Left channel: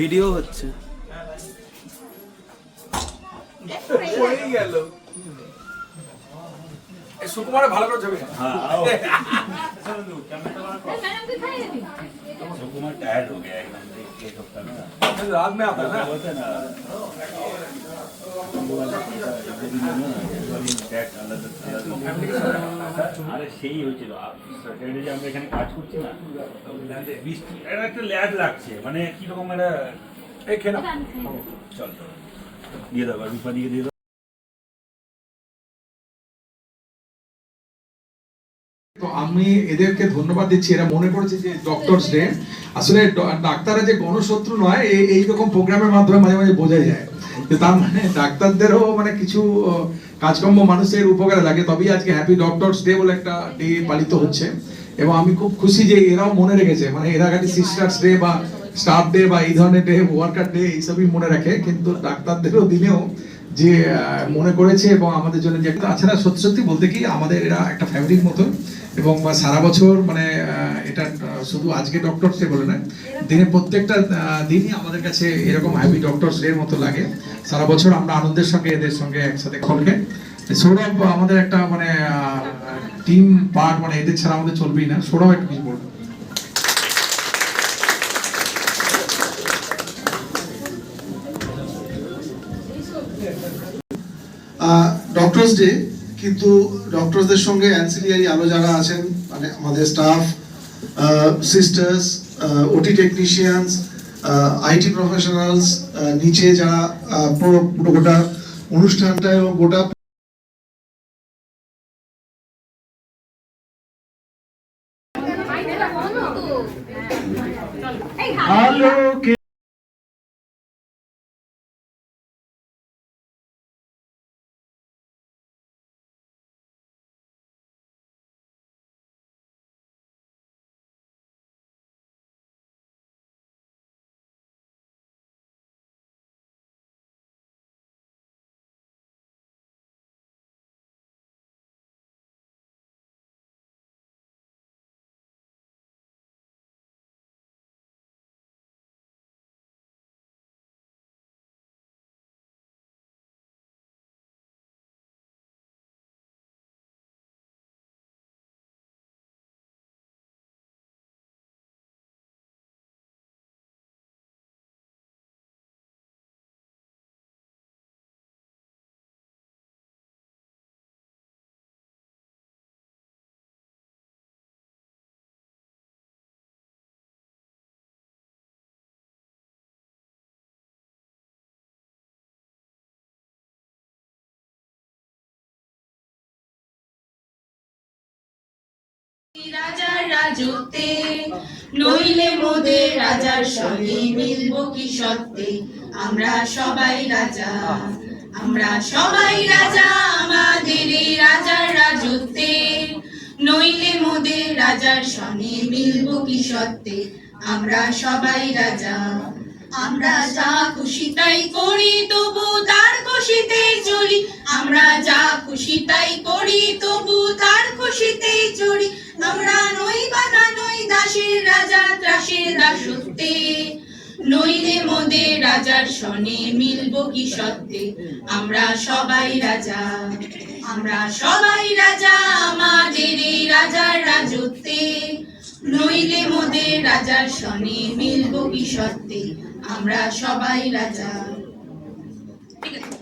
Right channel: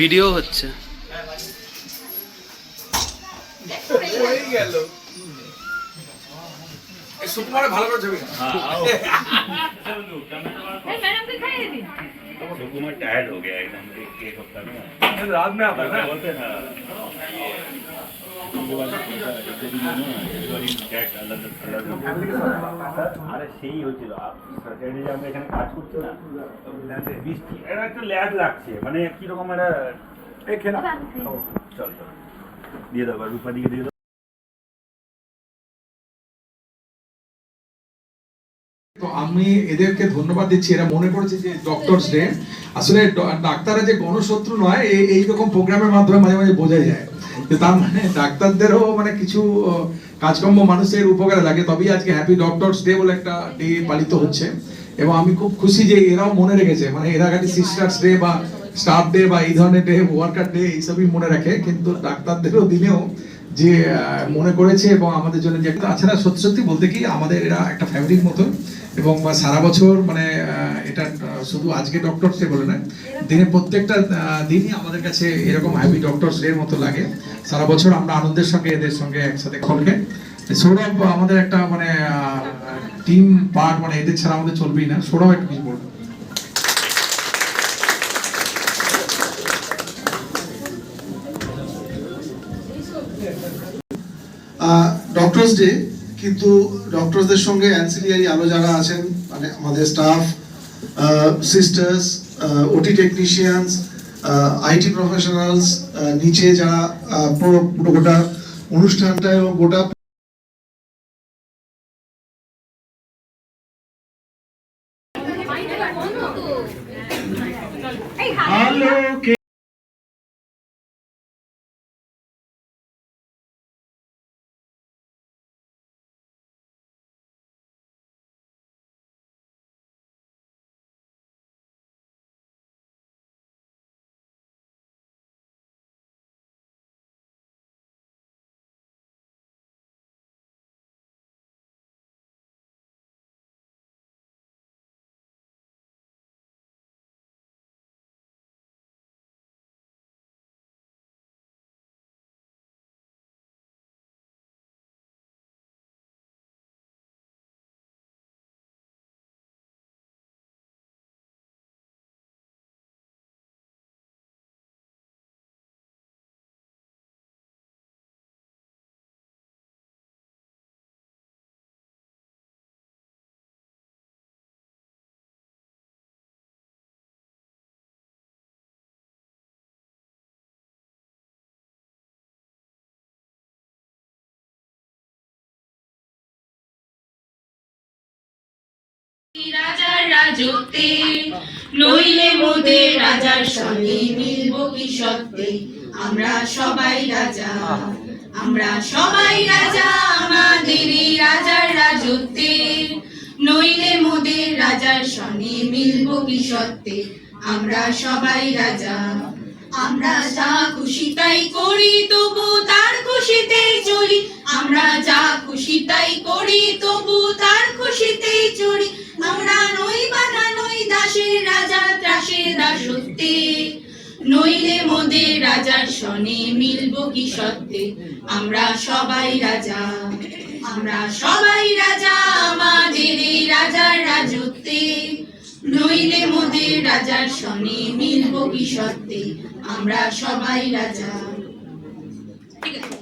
Video হচ্ছে। सुकुमार ভালো করে ছবি। सुकुमार टायर्ड हो गया एकदम एक हफ्ता में। रात में आता है ना बोलते हैं ना আরে সেই হয়েছিল স্যাটারডে যে আমরা এখানে কাজ করছি না বৃষ্টি এটা একটা ল্যাগ লাগছে মানে কিরকম একটা এই খেলা চল চল দিয়ে দাও রূপা দিকে দিয়ে দাও। তো আমি এদেরকে ধন্যবাদ দিচ্ছি, এরা মনে করেছে যে ডক্টরস ডে আসলে ডাক্তাররা যে গণশত্রু নয় এইরকম প্রোগ্রামের মাধ্যমে মাঝে মাঝে বোঝা যায় যে তার মানে ডাক্তারদেরও মানে কিছু কাজকর্ম মানুষের উপকারে লাগে, তবেই আজকে হ্যাপি ডক্টরস ডে বলে একটা ডে পালিত হচ্ছে। এবং আমি খুব খুশি যে এরাও মনে রেখেছে, মানে এরা খালি সিস্টার্স ডে বা স্টাফ ডে বা এই ধরনের ডে ওয়ার্কার ডে এইসবই মনে রাখে, কিন্তু ডাক্তারদেরও দিনেও যে মনে করেছে এবং আমাদের জন্য যে তাছাড়া সত্যি সত্যি বলতে কি আমাদের এরা একটা ফ্যামিলির মতন এবং সারা বছর মানে এটা শুধু আজকে ডক্টরস ডে বলে না, দিনে প্রত্যেকটা দিনই আমাদের কাছে এরকম হ্যাপি ডক্টরস ডে মতো লাগে। সারা বছর আমরা আনন্দের সঙ্গে এদের সঙ্গে একসাথে খলকে সৌরভ আমাদের একটা মানে টিম পার্ট, মানে এদের ছাড়া আমাদের চলবেই না। সৌরভ একটু কিছু বলবেন। ডক্টরস ডে, কিন্তু ডক্টরসদের সঙ্গে অ্যান্সিলিয়ারি আরো যারা আছেন মানে আমাদের স্টাফ, সিস্টার্স, ওটি টেকনিশিয়ানস, আইটি প্রফেশনালস, নিচে যারা পুরো গোটা অনুষ্ঠানটা এবং গোটা আলোকে রাজার রাজত্বে নইলে মোদের রাজার সঙ্গে মিলব কি সত্যে, আমরা সবাই রাজা, আমরা সবাই রাজা আমাদের এই রাজার রাজত্বে, নইলে মোদের রাজার সঙ্গে মিলব কি সত্যে, আমরা সবাই রাজা। আমরা যা খুশি তাই করি তবু তার খুশিতেই চলি, আমরা যা খুশি তাই করি তবু তার খুশিতেই চলি, আমরা নই বাধা নই দাসের রাজা ত্রাসের দাসত্বে, নইলে মোদের রাজার সনে মিলব কি সত্যে, আমরা সবাই রাজা, আমরা সবাই রাজা আমাদের এই রাজার রাজত্বে, নইলে মোদের রাজার সনে মিলব কি সত্যে, আমরা সবাই রাজা। ঠিক আছে।